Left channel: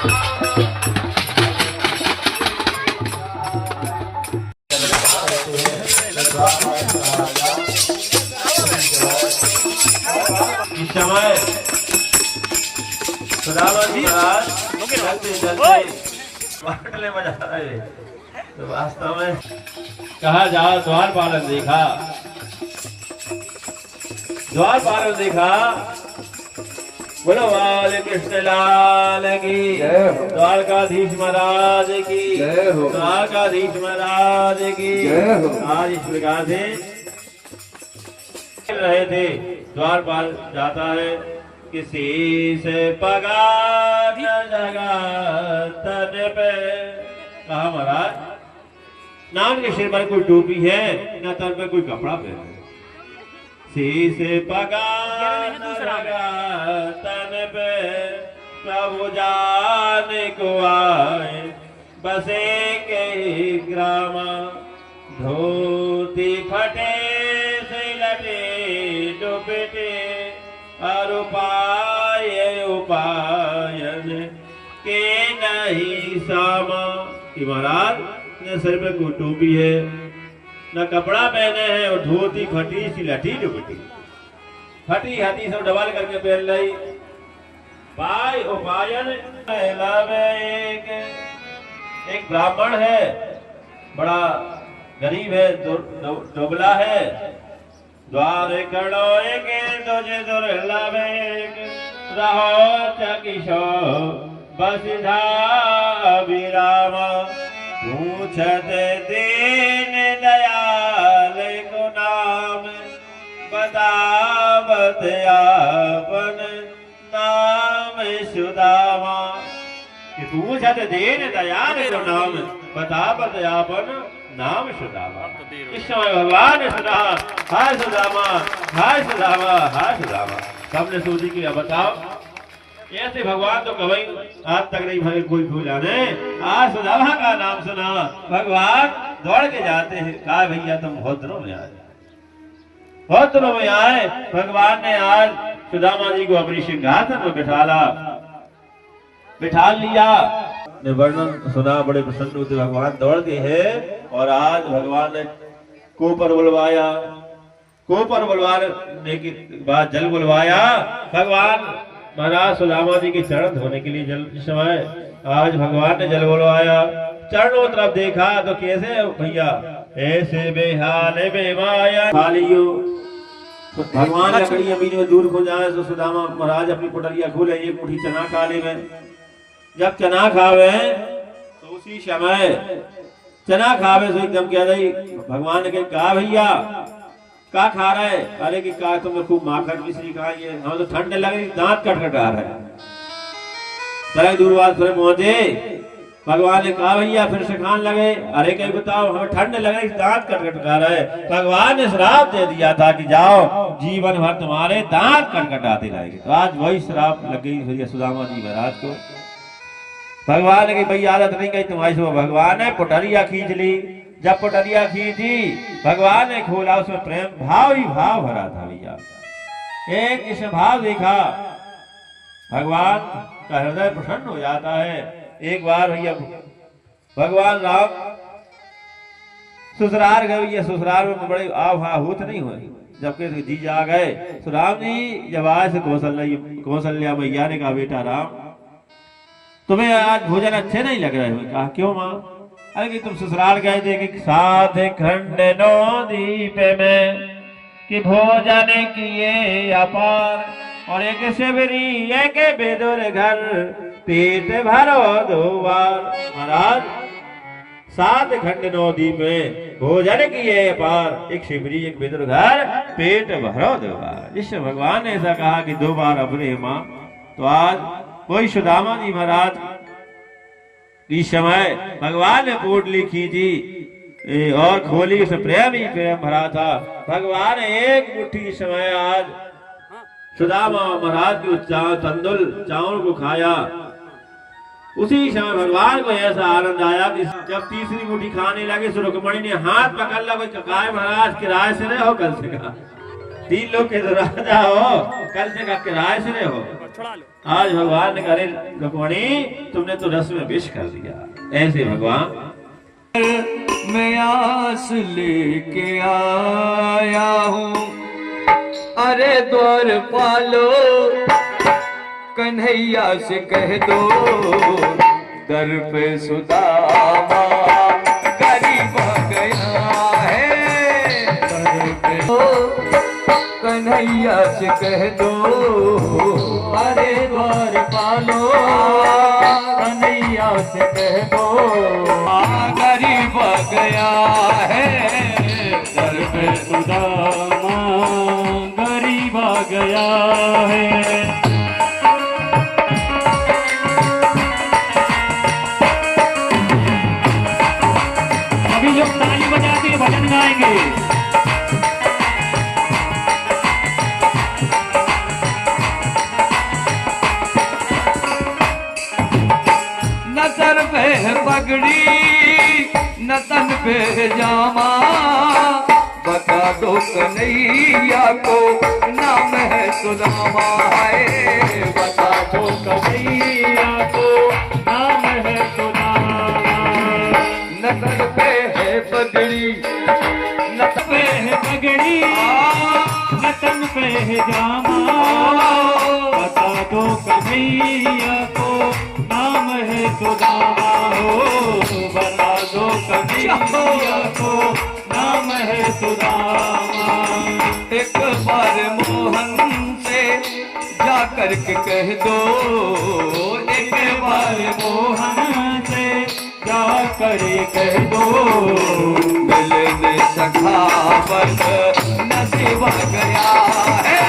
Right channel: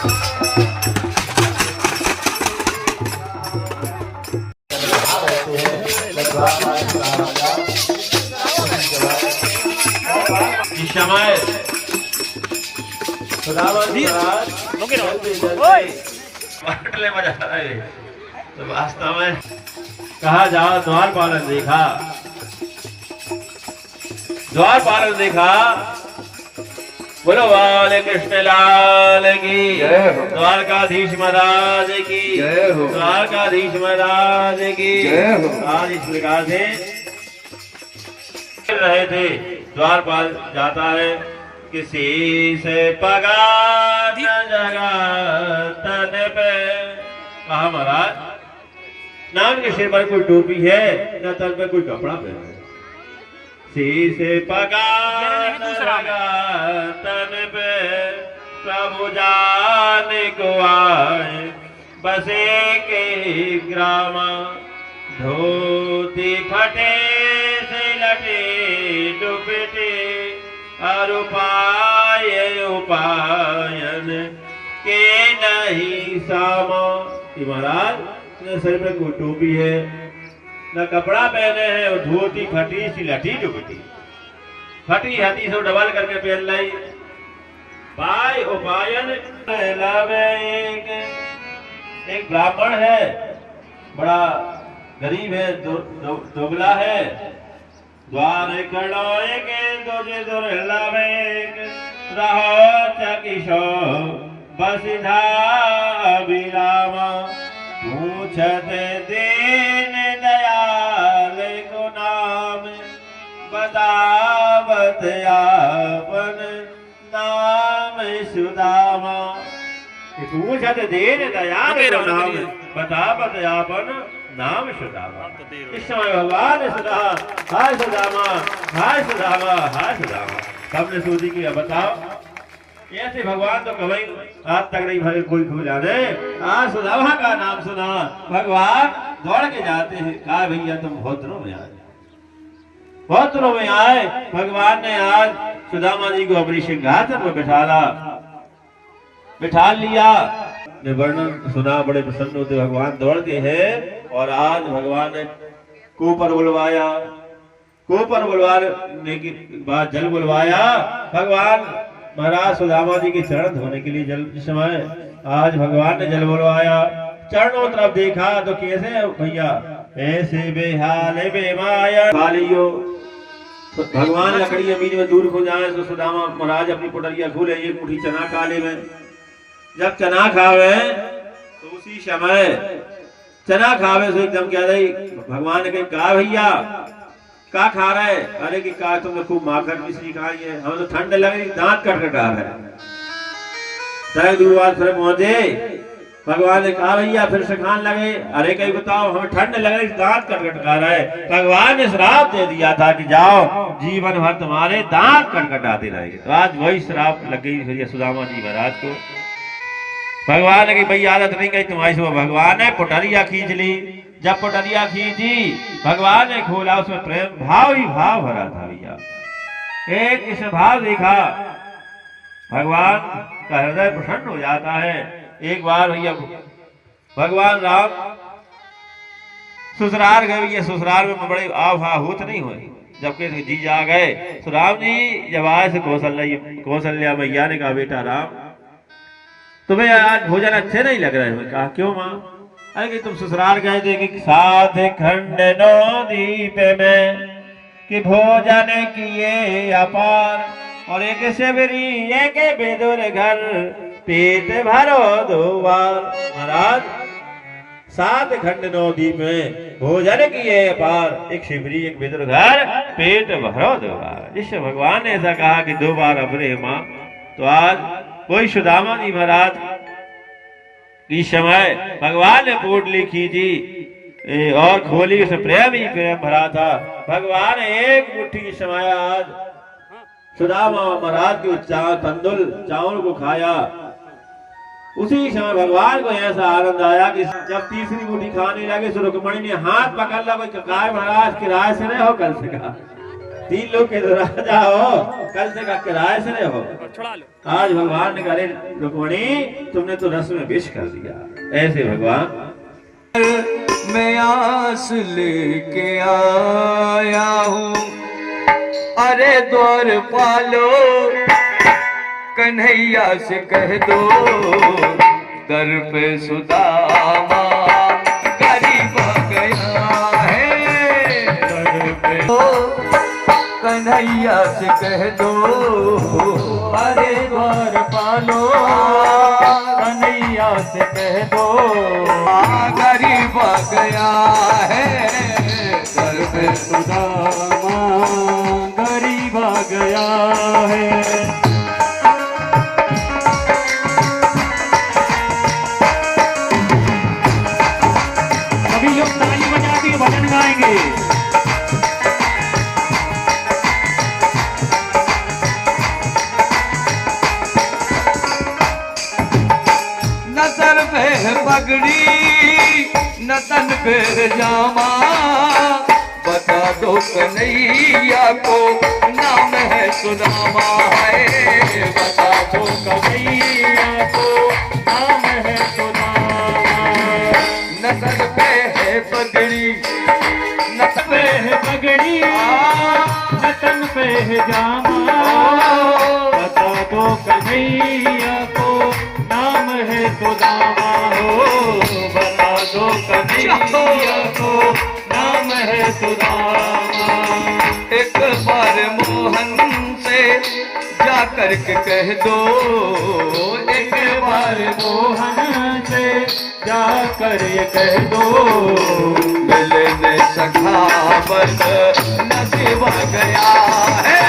समय सुदामा जी मजा आ रहा है। तो वास्तव में कहा जाओ द्वारपालन देखा, द्वारपालन देखा। बोलो वाले कृष्ण लाल की, द्वारकाधीश महाराज की, द्वारकाधीश महाराज की। आज इस प्रकार से रहे थे, द्वारपाल जाता है किसी से पगार न जगा तन पे। कहा महाराज नाम के सिर पर कोई टोपी है न तन पे कोई कपड़ा पहना है। किसी से पगार न जगा तन पे प्रभु जाने को आए बसे के ग्राम। धोती फटे से लटे दुपटे और उपाय उपायन के नहीं सामा। कि महाराज ने सर पे कोई टोपी है न कपड़ा पहने हैं और धोती फटी सी लटी दुपटी फटी हटी सब डबल करके पहन लाई। पाय उपायन एक ब्राह्मण है, बड़ा गरीब है, दुबला है। द्वार कड़ोए के तुझे दुर्लभेक रहो चकिशो बसिधा विरामा। पूछत दीन दयाल को नाम बतावत आपन नाम सुदामा। पूछत दीन दयाल को नाम बतावत आपन नाम सुदामा। इस समय भगवान सुधा हाय सुदामा हाय सुदामा हाय सुदामा। सबने सोची कि अब बताओ ऐसे भगवान तो कभी आज तक नहीं भाई कोई भूल जाने। आज सुदामा का नाम सुना, भगवान दौड़ के जाते हैं। कहा भैया तुम बहुत दिनों में आए, बहुत दिनों में आए। भगवान ने आज सुदामा जी को अपनी सिंहासन में बिठा लिया। ने वर्णन सुना, बड़े प्रसन्न होते भगवान दौड़ते हैं। और आज भगवान ने कोपर बुलवाया, कोपर बुलवाने के बाद जल बुलवाया। भगवान महाराज सुदामा जी के चरण धोने के लिए जल समय आज भगवान ने जल बुलवाया। चरणों तरफ देखा तो कैसे भैया ऐसे बेहाल बेमाया खालियो। भगवान लकड़ी जमीन में दूर हो जाए तो सुदामा महाराज अपनी पुटरिया खोले, एक मुट्ठी चना खा ले। जब चना खावे तो उसी समय चना खावे से एकदम क्या रही भगवान ने कहा भैया क्या खा रहे? अरे कि कहा तुम्हें खूब माखन मिश्री खाई है, हमें तो ठंड लग रही, दांत कटकटा रहा है। तरह दूरवार फिर पहुंचे, भगवान ने कहा भैया फिर से खाने लगे। अरे कहीं बताओ हमें ठंड लग रही, दांत कटकटा रहा है। भगवान ने श्राप दे दिया था कि जाओ जीवन भर तुम्हारे दांत कटकटाते रहेंगे। तो आज वही श्राप लग गई भैया सुदामा जी महाराज को। भगवान ने कही आदत नहीं कही तुम्हारी सुबह। भगवान ने पुटरिया खींच ली। जब पुटरिया खींची भगवान ने खोला, उसमें प्रेम भाव ही भाव भरा था भैया। एक इस भाव देखा, भगवान का हृदय प्रसन्न हो जाता है। एक बार भैया भगवान राम ससुराल गए। भैया ससुराल में बड़े आहुत नहीं हुए। जबकि जी जा गए तो राम जी जब आए से कौशल्या मैया ने कहा बेटा राम तुम्हें आज भोजन अच्छे नहीं लग रहे हैं। कहा क्यों माँ? अरे कि तुम ससुराल गए थे कि साथ खंड नो दीप में कि भोजन किए अपार और एक सेवरी एक बेदुर घर पेट भरो दो बार। महाराज सात खंड नौ दीप में भोजन किए अपार, एक शिवरी एक बेदुर घर पेट भरो दो बार। जिस भगवान ने ऐसा कहा कि दो बार अपने माँ, तो आज कोई सुदामा जी महाराज इस समय भगवान ने पोटली खींची और खोली, उसे प्रेम ही प्रेम भरा था। भगवान एक मुट्ठी समय आज सुदामा महाराज के तंदुल चावल को खाया। उसी समय भगवान को ऐसा आनंद आया कि जब तीसरी मुट्ठी खाने लगे तो रुक्मणी ने हाथ पकड़ लिया। महाराज की राय से नहीं हो कल से कहा 3 लोग के तो राजा हो, कल से का किराए से हो। आज भगवान ने कहा रुक्मणी तुमने तो रस में विष कर दिया। ऐसे भगवान मैं आस लेके आया हूँ, अरे द्वार पालो कन्हैया से कह दो, दर पे सुदामा गरीब आ गया है, दर पे कन्हैया से कह दो, अरे द्वार पालो कन्हैया से कह दो, गरीब आ गया है, दर पे सुदामा गरीब आ गया है। अभी लोग ताली बजा के भजन गाएंगे। न सर पे है पगड़ी न तन पे जामा, बता दो कन्हैया को नाम है सुदामा, है बता दो कन्हैया को नाम है सुदामा। न सर पे है पगड़ी न तन पे है पगड़ी न तन पे है जामा, बता दो कन्हैया को नाम है सुदामा, हो बता दो कन्हैया को नाम है सुदामा। एक बार मोहन से जा कर के कह दो, एक बार मोहन से जा कर ये कह दो, मिलने सखावत नसीब आ गया है,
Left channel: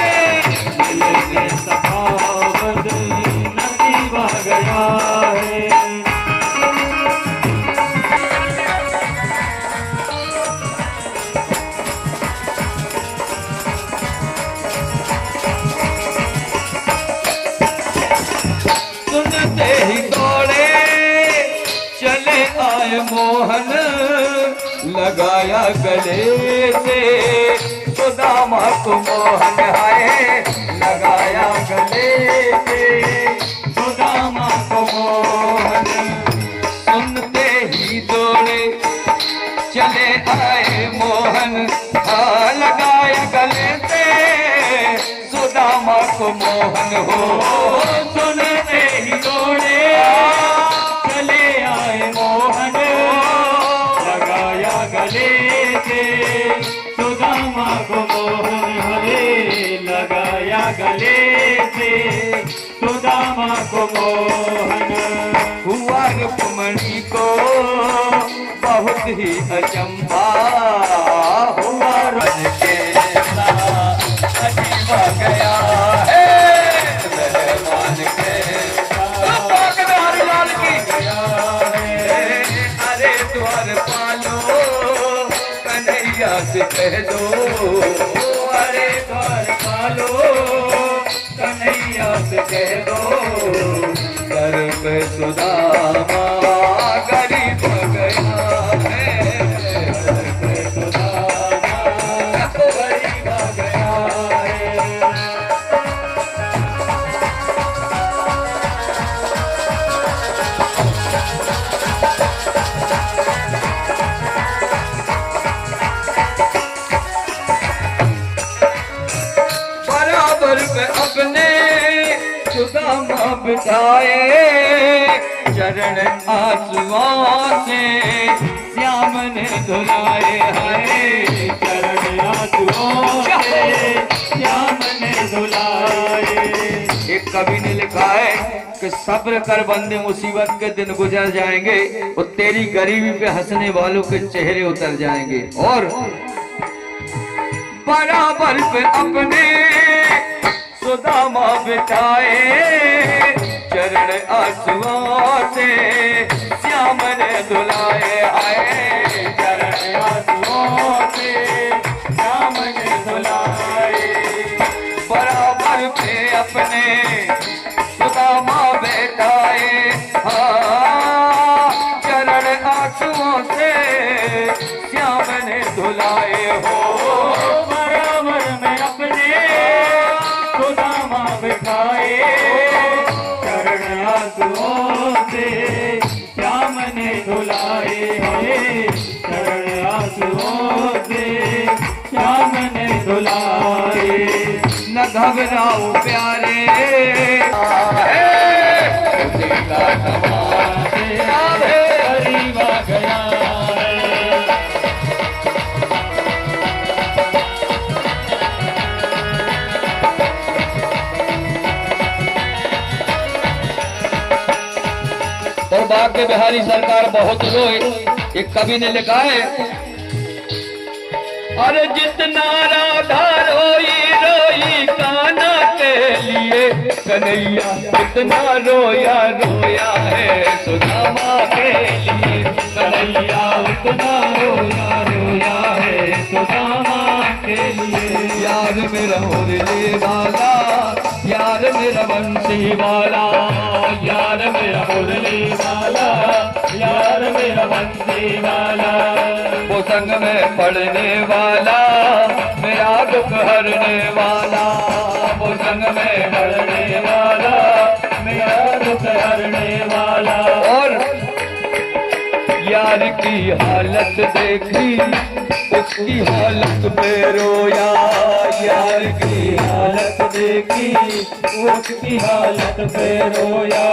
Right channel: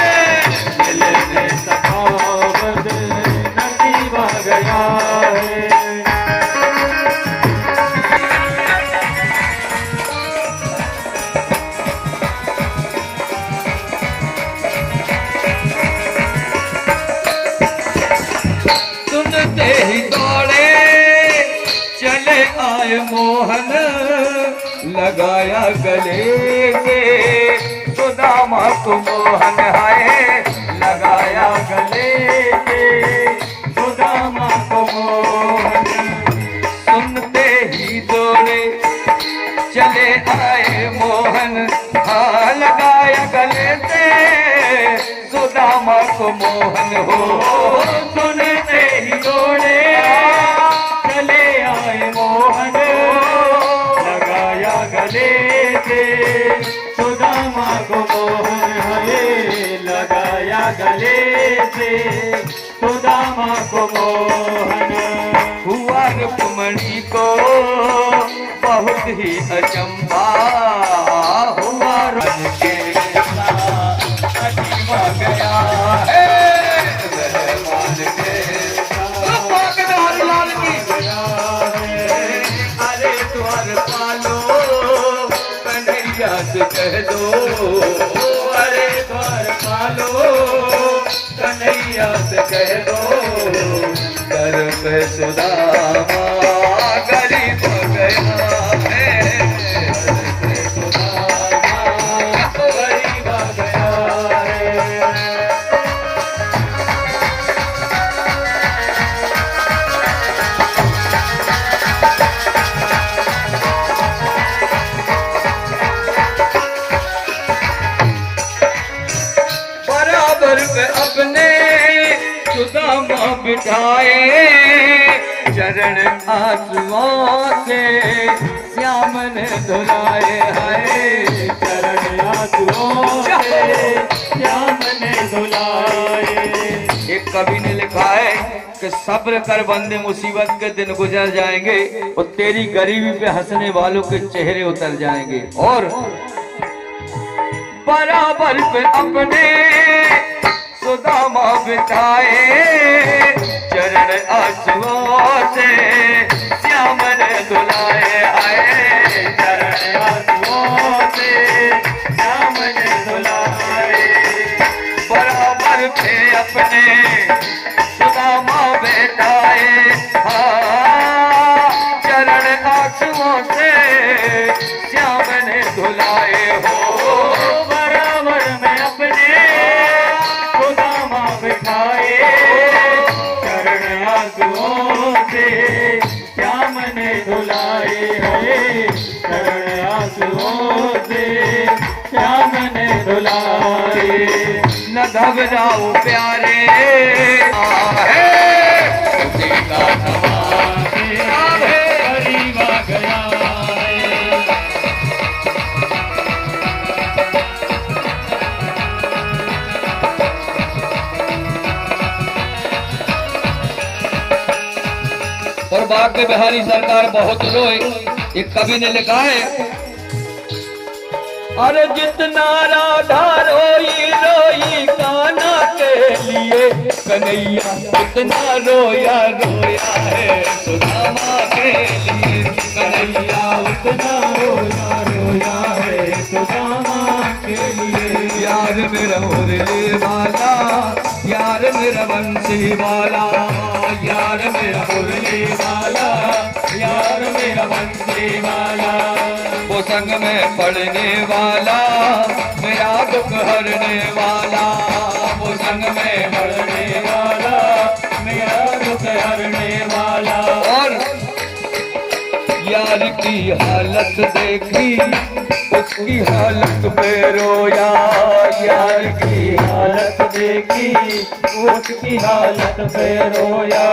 मिलने सखावत नसीब आ गया है। सुनते ही दौड़े चले आए मोहन, लगाया गले पे सुदामा को मोहन, है लगाया गले पे सुदामा को मोहन। सुनते ही दौड़े चले आए मोहन, हाँ लगाया गले पे सुदामा को मोहन, हो सुनते ही दौड़े चले आए मोहन, लगाया गले से सुदामा को मोहन, है लगाया गले से सुदामा को मोहन। हुआ रुक्मणी को बहुत ही अचंबा, हुआ रंगेला अजीब आ गया है, रहमान अरे द्वार पालो कन्हैया से कह दो, अरे द्वार पालो कन्हैया से कह दो, दर पे सुदामा गरीब आ गया है, सुदामा गरीब आ गया है। अपने सुदामा बिठाए, चरण आंसुओं से श्याम ने धुलाए, है चरण आंसुओं से श्याम ने धुलाए। एक कवि ने लिखा है कि सब्र कर बंदे मुसीबत के दिन गुजर जाएंगे, और तेरी गरीबी पे हंसने वालों के चेहरे उतर जाएंगे। और बराबर पे अपने सुदामा बिठाए, चरण आंसुओं से श्याम ने धुलाए, आए चरण आंसुओं से श्याम ने धुलाए। बराबर पे अपने सुदामा बैठाए, हाँ चरण आंसुओं से श्याम ने धुलाए, हो बराबर में अपने आंसुओं से श्याम ने धुलाए है, चरण आंसुओं से श्याम ने धुलाए। न घबराओ प्यारे का और भाग्य बिहारी सरकार बहुत रोए। एक कवि ने लिखा है, अरे जितना राधा रोई रोई कान्हा के लिए, कन्हैया जितना रोया रोया है सुदामा के लिए। कन्हैया उतना रोया रोया है सुदामा के लिए। यार मेरा मुरली वाला, यार मेरा बंसी वाला, यार मेरा मुरली वाला, यार मेरा बंसी वाला। वो संग में पढ़ने वाला, मेरा दुख हरने वाला। वो संग में पढ़ने वाला, मेरा दुख हरने वाला। और यार की हालत देखी, उसकी हालत पे रोया। यार की हालत देखी, उसकी हालत पे रोया।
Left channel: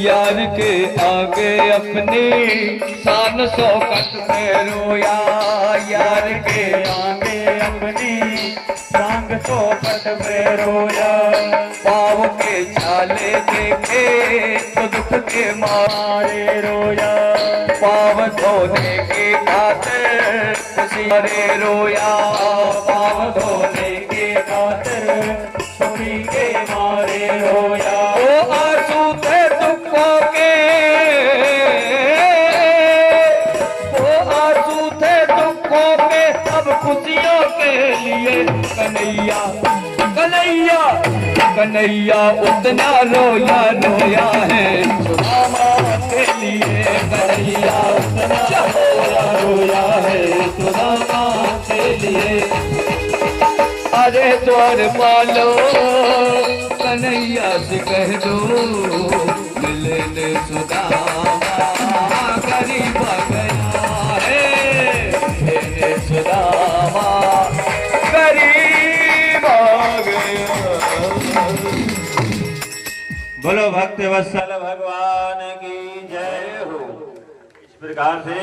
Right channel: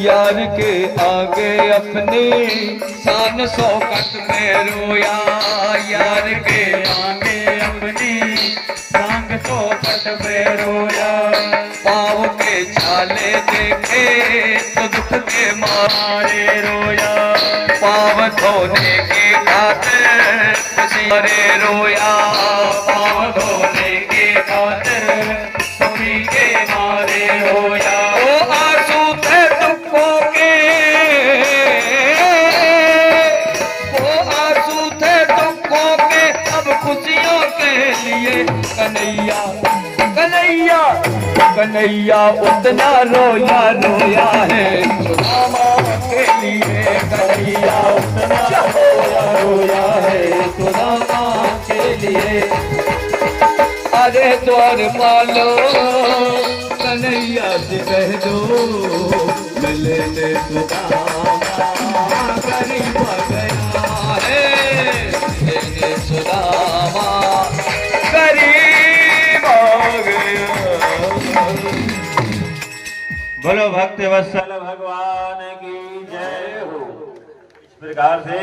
यार के आगे अपनी शान शौकत पे रोया। यार के आगे अपनी शान शौकत पे रोया। पाँव के छाले देखे तो दुख के मारे रोया। पाँव धोने के खातिर खुशी रे रोया। पाँव धोने के खातिर खुशी के मारे रोया। वो आंसू थे दुखों के, वो आंसू थे दुखों के, अब खुशियों के लिए। कन्हैया कन्हैया कन्हैया उतना रोया रोया है सुदामा के लिए। कन्हैया उतना रोया रोया है सुदामा के लिए। अरे द्वार पालो कन्हैया से कह दो, मिले ने सुदामा गरीब गया है। मिले सुदामा गरीब गया। बोलो भक्त वत्सल भगवान की जय हो। इस प्रकार से